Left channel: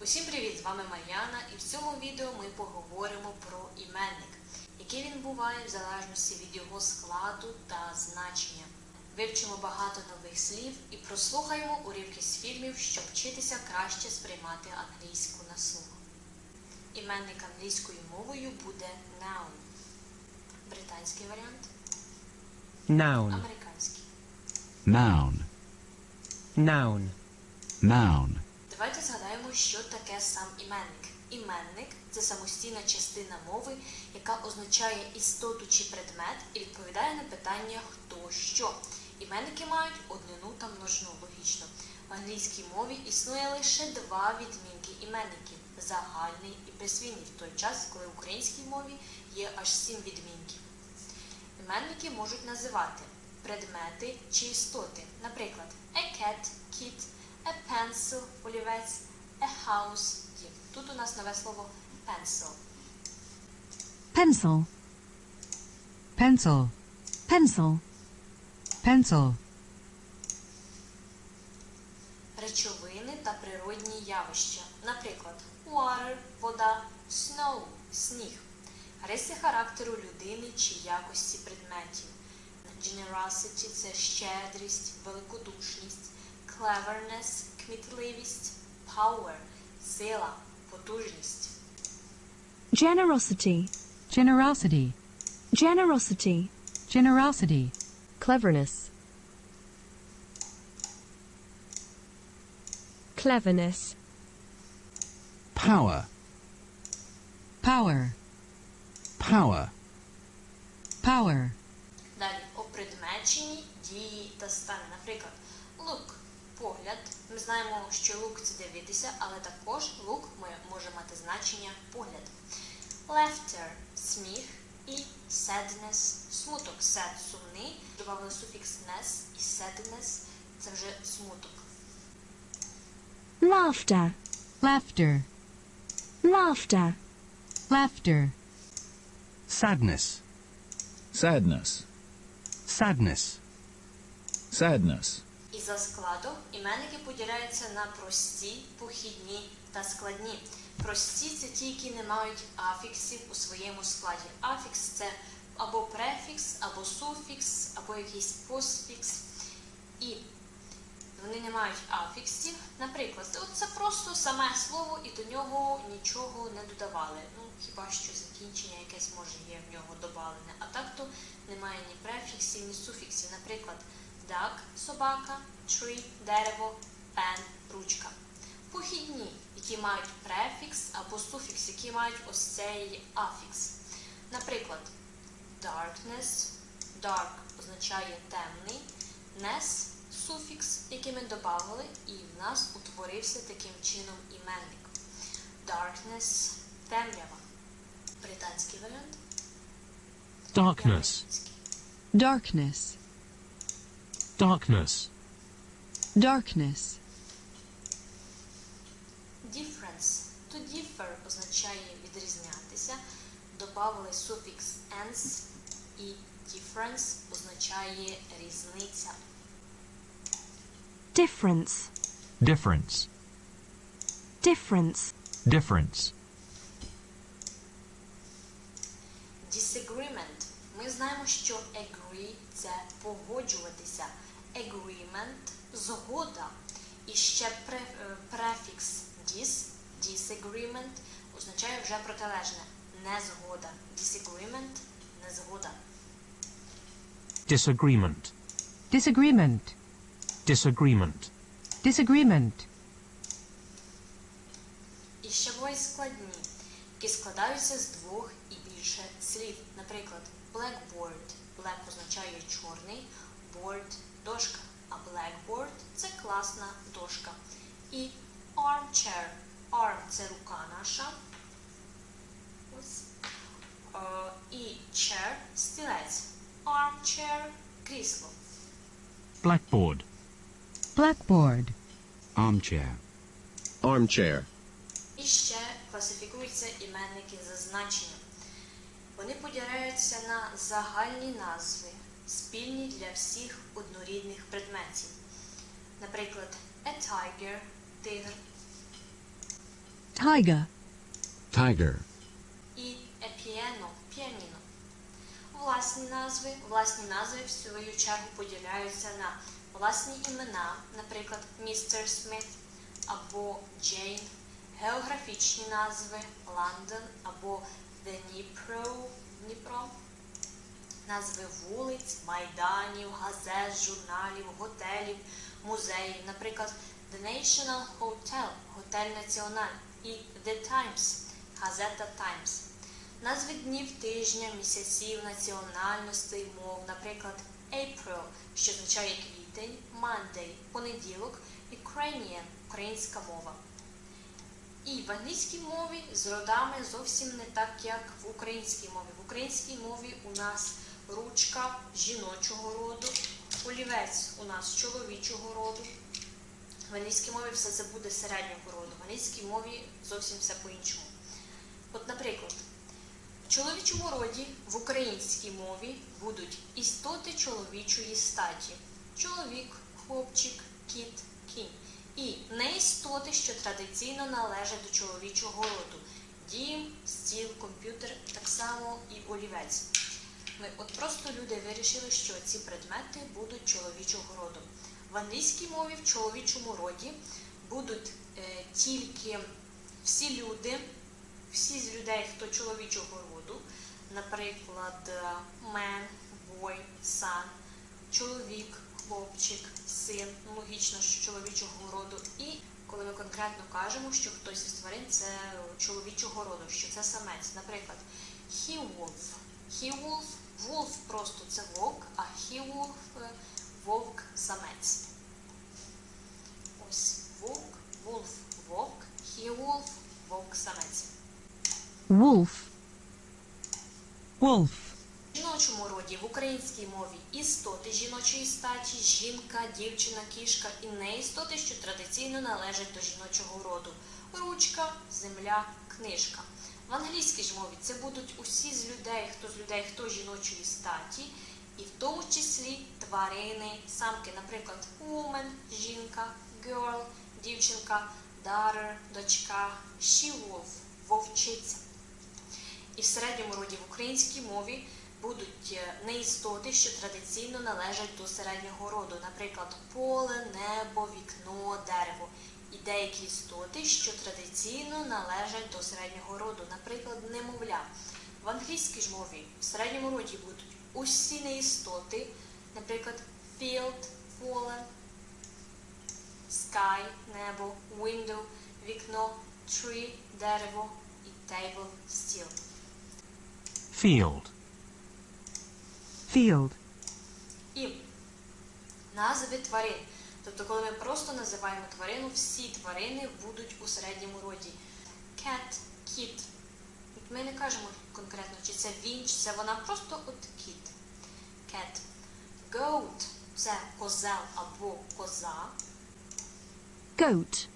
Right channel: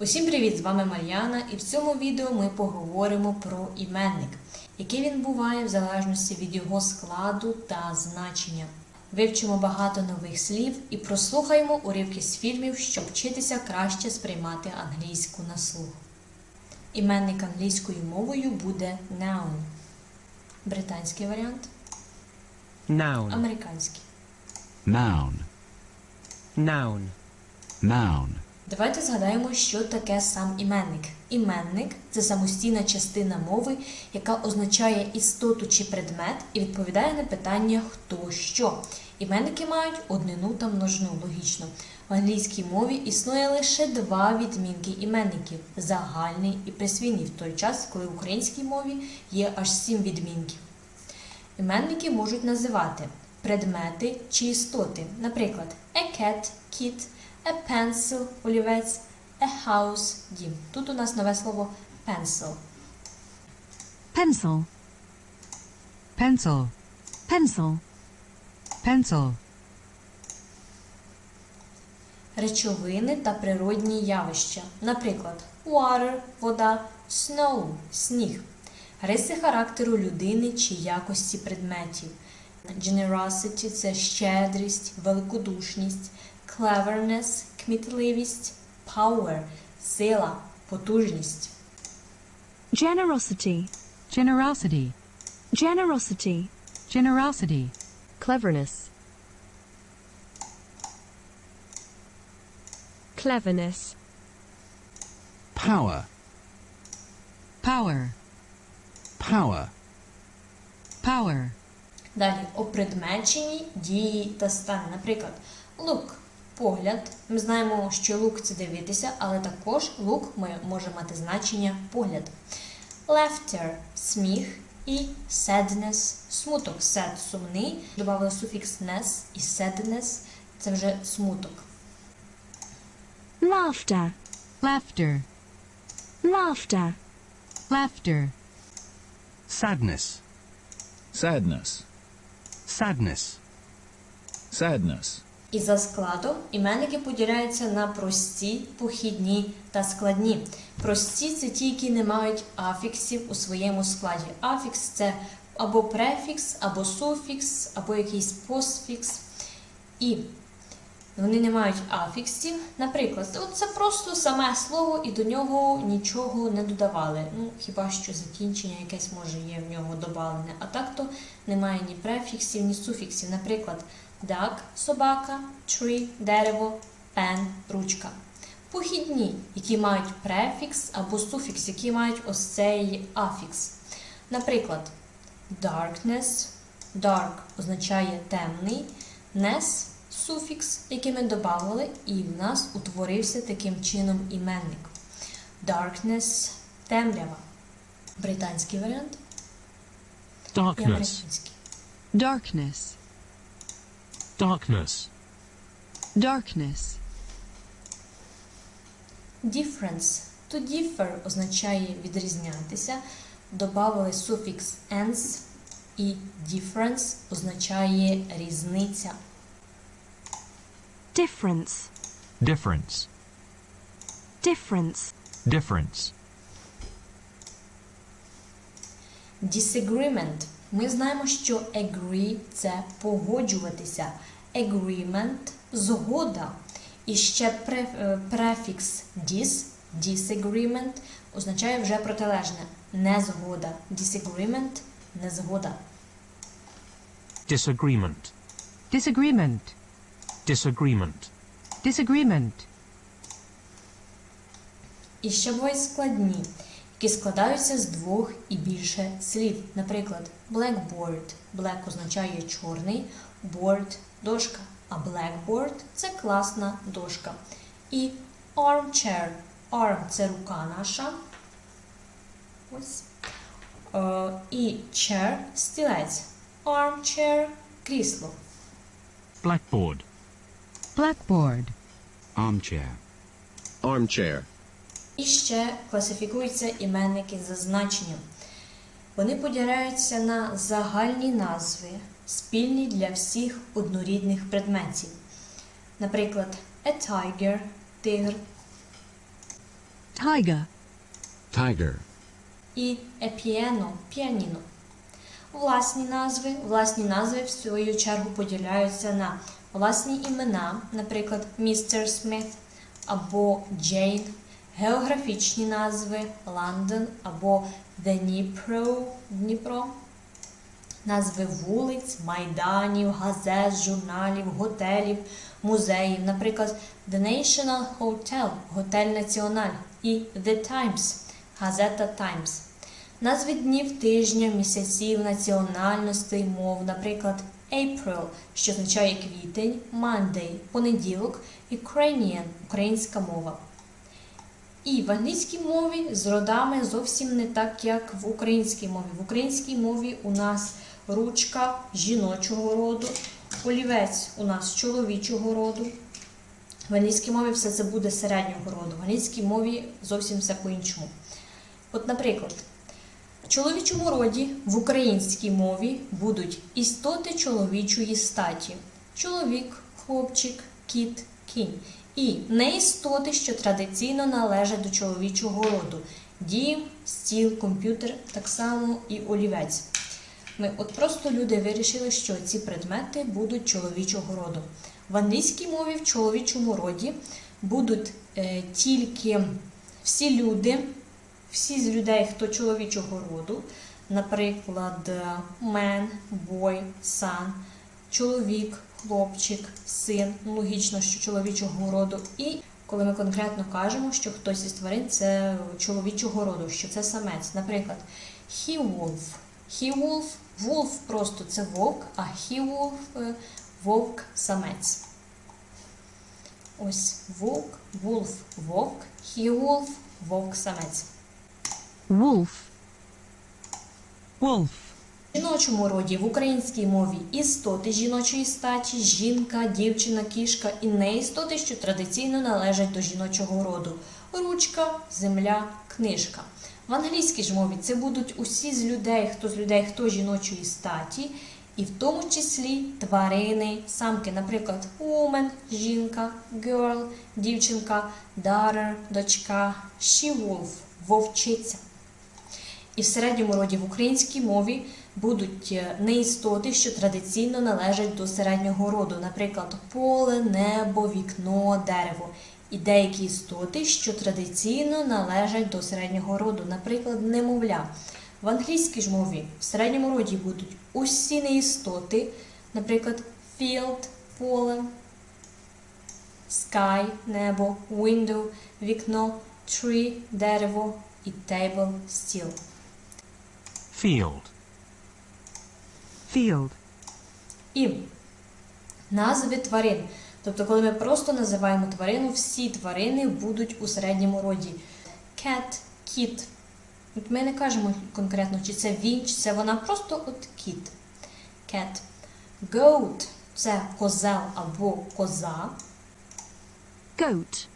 Усім привіт! З вами Мар'яна, і в цьому відео ми поговоримо про іменник, який він буває в залежності від його складу та значення. Вивчимо багато нових слів і прослухаємо уривки з фільмів, щоб вчитися краще сприймати англійську на слух. Іменник англійською мовою буде noun. Британський варіант, Noun. американський. Noun. Noun. Noun. Давайте згадаємо, що таке сам іменник. Іменник це самостійна частина мови, яка означає істоту чи предмет і відповідає на питання хто що. Іменники мають однину та множину логічно. В англійській мові існує лише два відмінки іменників загальний і присвійний, в той час, коли в українській мові є аж сім відмінків. Іменники можуть називати предмети чи істоти, наприклад, a cat – кіт, a pencil – олівець, a house – дім. Тут у нас нове слово pencil. pencil pencil pencil pencil Речовини та природні явища, наприклад, water – вода, snow – сніг. Риси характеру людини чи якості предметів. Generosity – це щедрість, великодушність, cleverness – кмітливість, power – сила, потужність. generosity Generosity. generosity Generosity. cleverness cleverness Power. Power. Power. Power. Далі опредмечені дії та стани. Наприклад, лук погляд. Ми знаємо, що лук це дивитися, але також лук може мати значення погляд. Laughter – сміх і sadness – смуток. Sad – сумний. Добавили суфікс ness і sadness – це вже смуток. laughter Laughter. laughter Laughter. Sadness. Sadness. Sadness. Sadness. І за складом іменники поділяються на прості, похідні та складні. Прості це ті, які не мають афіксів у своєму складі. Афікс це або префікс, або суфікс, або якийсь постфікс. І вони не мають афіксів. Наприклад, це просто саме слово, і до нього нічого не додавали. Ну, хіба що закінчення якесь може є в нього додавлене. А так то немає ні префіксів, ні суфіксів. Наприклад, duck – собака, tree – дерево, pen – ручка. Похідні, які мають префікс або суфікс, які мають ось цей афікс. Наприклад, darkness – dark означає темний, ness – суфікс, який ми додали, і в нас утворився таким чином іменник. Darkness – темрява. Британський варіант. Darkness. darkness Darkness. darkness Difference. To differ означає відрізнятися. Добавили суфікс ens і difference означає різниця. difference Difference. difference Difference. Disagreement. Ми знаємо, що agree це погоджуватися. Agreement згода. І ще е, префікс dis, disagreement означає вже протилежне. Незгода. Disagreement незгода. Disagreement. Disagreement. Disagreement. Disagreement. І ще бувають складні, які складаються з двох і більше слів. Наприклад, blackboard. Black означає чорний, board – дошка, а blackboard – це класна дошка. І armchair. Arm – це рука наша. Ось. Е, і chair – стілець. Armchair – крісло. Blackboard. Blackboard. Armchair. Armchair. І ще класифікуються іменники за значенням. Вони поділяються на загальні назви, спільні для всіх однорідних предметів. Наприклад, a tiger – тигр, tiger, Tiger. і a piano – піаніно. Власні назви. Власні назви в свою чергу поділяються на власні імена, наприклад, містер Сміт або Джейн, географічні назви Лондон або Дніпро, Дніпро, назви вулиць, майданів, газет, журналів, готелів, музеїв, наприклад, The National Hotel, Готель Національ і The Times, газета Times. Назви днів тижня, місяців, національностей, мов, наприклад, April, що означає квітень, Monday, понеділок, Ukrainian, українська мова. І в англійській мові з родами зовсім не так, як в українській мові. В українській мові у нас ручка жіночого роду, олівець у нас чоловічого роду. В англійській мові все це буде середнього роду. В англійській мові зовсім все по-іншому. От, наприклад, в чоловічому роді в українській мові будуть істоти чоловічої статі: чоловік, хлопчик, кіт, кінь. І не істоти, що традиційно належать до чоловічого роду: дім, стіл, комп'ютер, так само і олівець. Ми от просто люди вирішили, що ці предмети будуть чоловічого роду. В англійській мові в чоловічому роді будуть е, тільки всі люди, всі з людей, хто чоловічого роду, наприклад, man, boy, son, чоловік, хлопчик, син, ну, логічно, що чоловічого роду. І коли ми конкретно кажемо, що хтось із тварин це чоловічого роду, що це самець. Наприклад, he wolf. He wolf, wolf просто це вовк, а he wolf е, вовк самець. Ось вовк, wolf вовк, he wolf вовк самець. wolf, wolf, В жіночому роді в українській мові істоти жіночої статі, жінка, дівчина, кішка і не істоти, що традиційно належать до жіночого роду. Ручка, земля, книжка. В англійській ж мові це будуть усі з людей, хто з людей, хто жіночої статі, і в тому числі тварини, самки, наприклад, woman – жінка, girl – дівчинка, daughter – дочка, she-wolf – вовчиця. І в середньому роді в українській мові будуть е, неістоти, що традиційно належать до середнього роду, наприклад, поле, небо, вікно, дерево. І деякі істоти, що традиційно належать до середнього роду, наприклад, немовля. В англійській ж мові в середньому роді будуть усі неістоти, наприклад, field – поле, sky – небо, window – вікно, tree – дерево і table – стіл. field, field, І назви тварин. Тобто, коли ми просто називаємо тварину, всі тварини будуть у середньому роді. Cat, кіт. От ми не кажемо конкретно, чи це він, чи це вона, просто от кіт. Cat. Goat – це козел або коза. goat,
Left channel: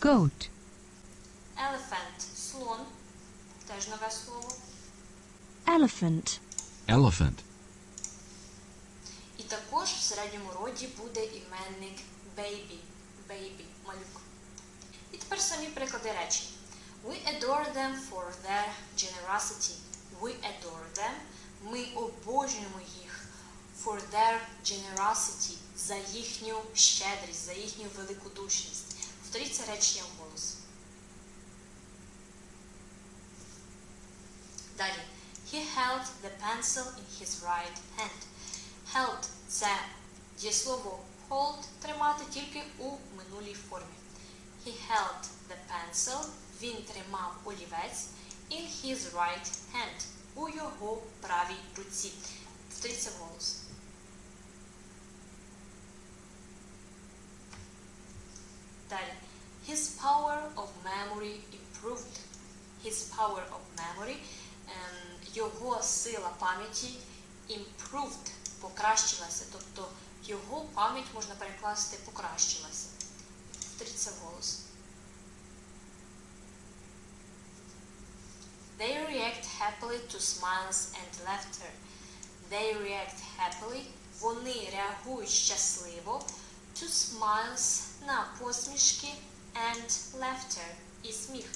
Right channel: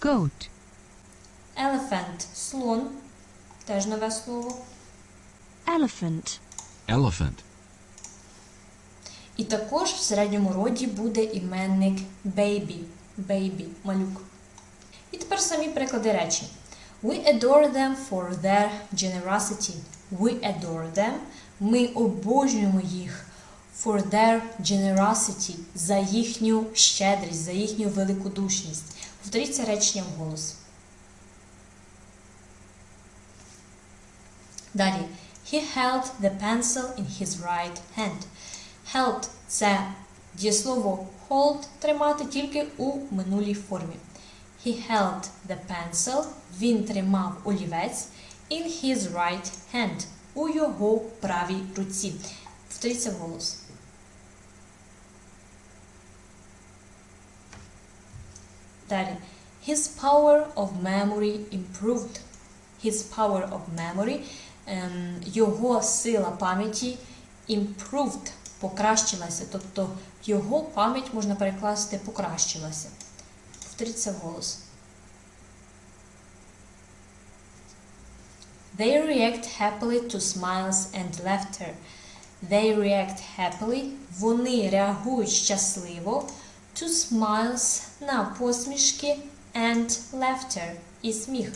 goat, Elephant – слон. Теж нове слово. elephant, Elephant. І також в середньому роді буде іменник baby, baby, малюк. І тепер самі приклади речень. We adore them for their generosity. We adore them. Ми обожнюємо їх for their generosity, за їхню щедрість, за їхню великодушність. Повторіть це речення вголос. Далі. He held the pencil in his right hand. Held – це дієслово hold тримати тільки у минулій формі. He held the pencil. Він тримав олівець in his right hand. У його правій руці. Повторіться вголос. Далі. His power of memory improved. His power of memory. ем, його сила пам'яті improved покращилася. Тобто його пам'ять можна перекласти покращилася. Повторіть це вголос. They react happily to smiles and laughter. They react happily. Вони реагують щасливо to smiles на посмішки and laughter і сміх.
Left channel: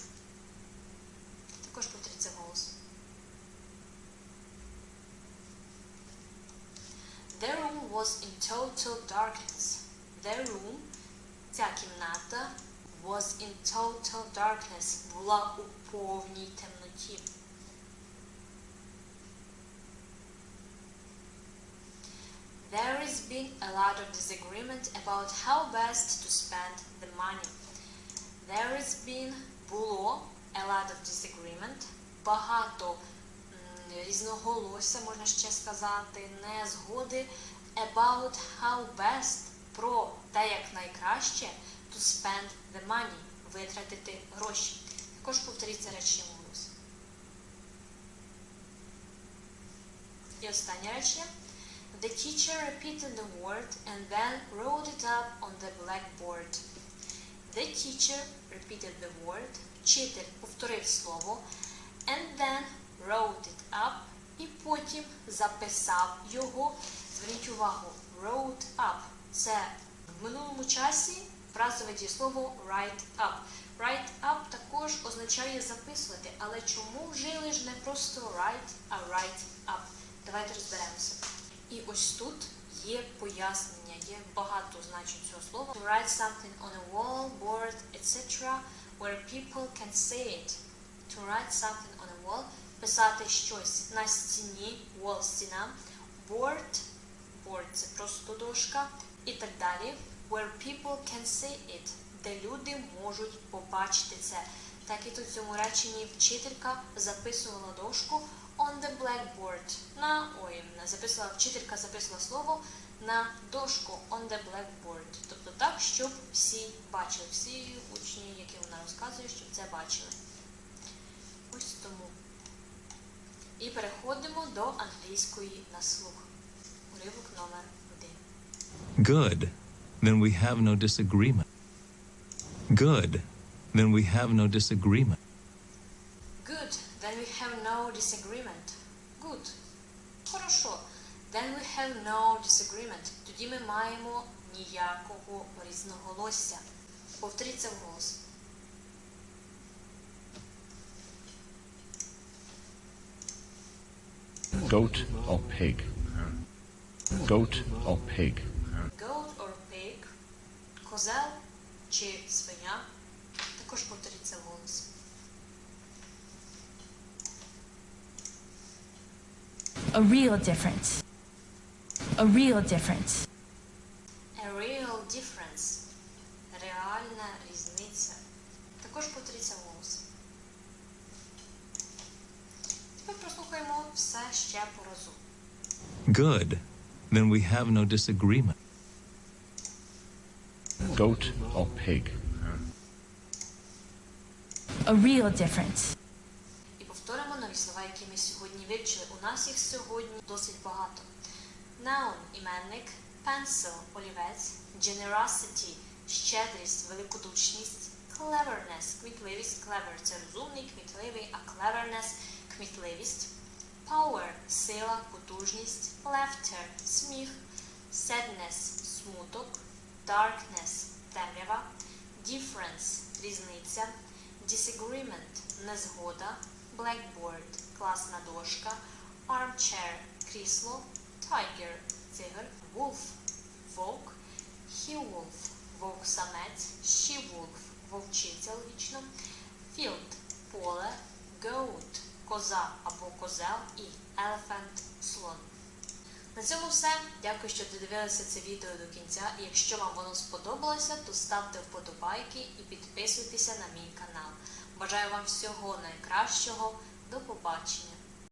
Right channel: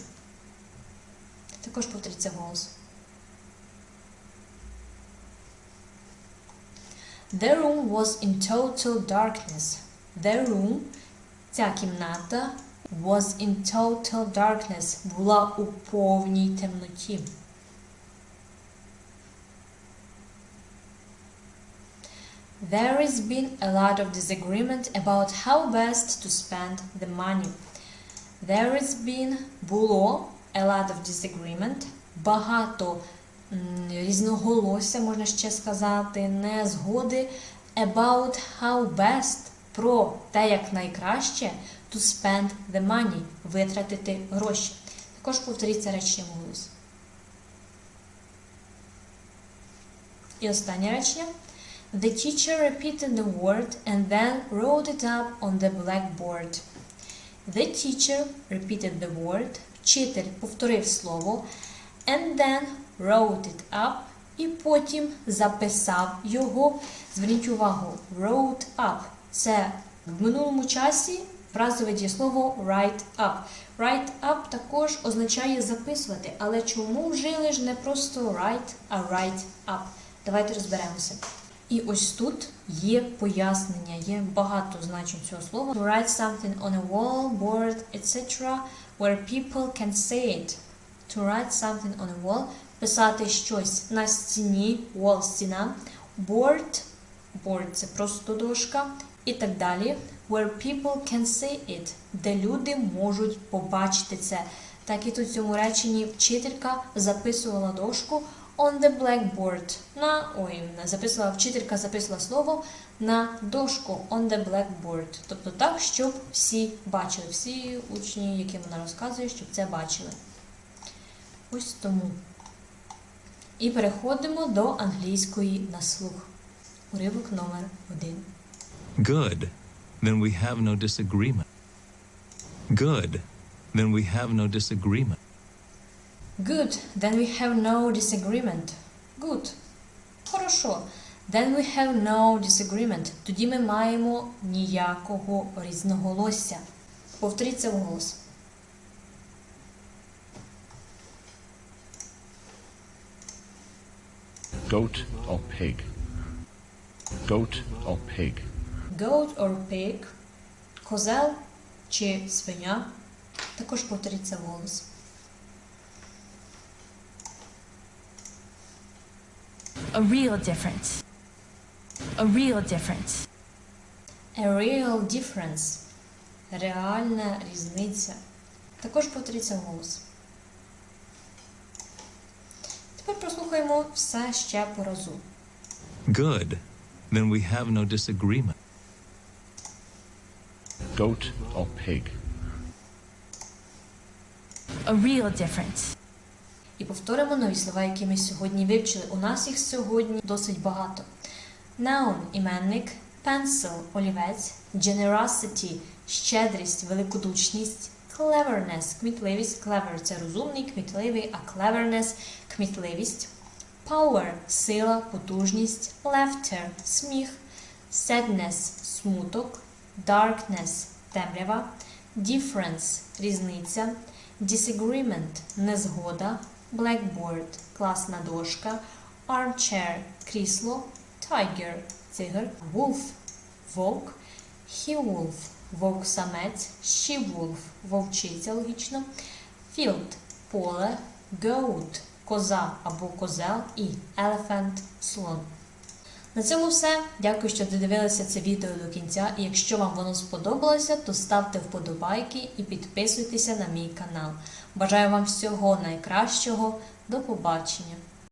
Також повторіться голос. The room was in total darkness. The room, ця кімната, was in total darkness, була у повній темноті. There has been a lot of disagreement about how best to spend the money. There has been було a lot of disagreement, багато м, різноголосся, можна ще сказати, незгоди about how best про те, як найкраще to spend the money, витратити гроші. Також повторіться речення голос. І останнє речення. The teacher repeated the word and then wrote it up on the blackboard. The teacher repeated the word. Вчитель повторив слово and then wrote it up і потім записав його. Зверніть увагу, wrote up. Це в минулому часі фразове дієслово write up. Write up також означає записувати, але чому вжили ж не просто write, а write up? Давайте розберемося. І ось тут є пояснення, є багато значень цього слова. To write something on a wall, board, etc. where people can see it. To write something on a wall – писати щось на стіні, wall – стіна, board – board – це просто дошка і так далі. Where people can see it, де люди можуть побачити це. Так і тут в цьому реченні вчителька записувала дошку on the blackboard. На ой, записувала вчителька, записувала слово на дошку on the blackboard. Тобто так, щоб всі бачили, всі учні, яким вона розказує, щоб це бачили. Ось тому. І переходимо до англійської на слух. Уривок номер один. Good. Then we have no disagreement. Good. Then we have no disagreement. Good. Then we have no disagreement. Good. Хорошо. Then we have no disagreement. Тоді ми маємо ніякого різноголосся. Повторіть це вголос. Goat or pig? Goat or pig? Goat or pig. Козел чи свиня. Також повторіть це вголос. A real difference. A real difference. A real difference. Реальна різниця. Також повторіть це Вголос. Все ще по разу. Good. Then we have no disagreement. Goat or pig? A real difference. І повторимо нові слова, які ми сьогодні вивчили. У нас їх сьогодні досить багато. Noun – іменник, pencil – олівець, generosity – щедрість, великодушність, cleverness – кмітливість, clever – це розумний, кмітливий, а cleverness – кмітливість, power – сила, потужність, laughter – сміх, sadness – смуток, darkness – темрява, difference – різниця, disagreement – незгода, blackboard – класна дошка, armchair – крісло, tiger – тигр, wolf – вовк, he-wolf – вовк-самець, she-wolf – вовчиця, логічно, field – поле, goat – коза або козел і elephant – слон. На цьому все. Дякую, що додивилися це відео до кінця. І якщо вам воно сподобалося, то ставте вподобайки і підписуйтеся на мій канал. Бажаю вам всього найкращого. До побачення!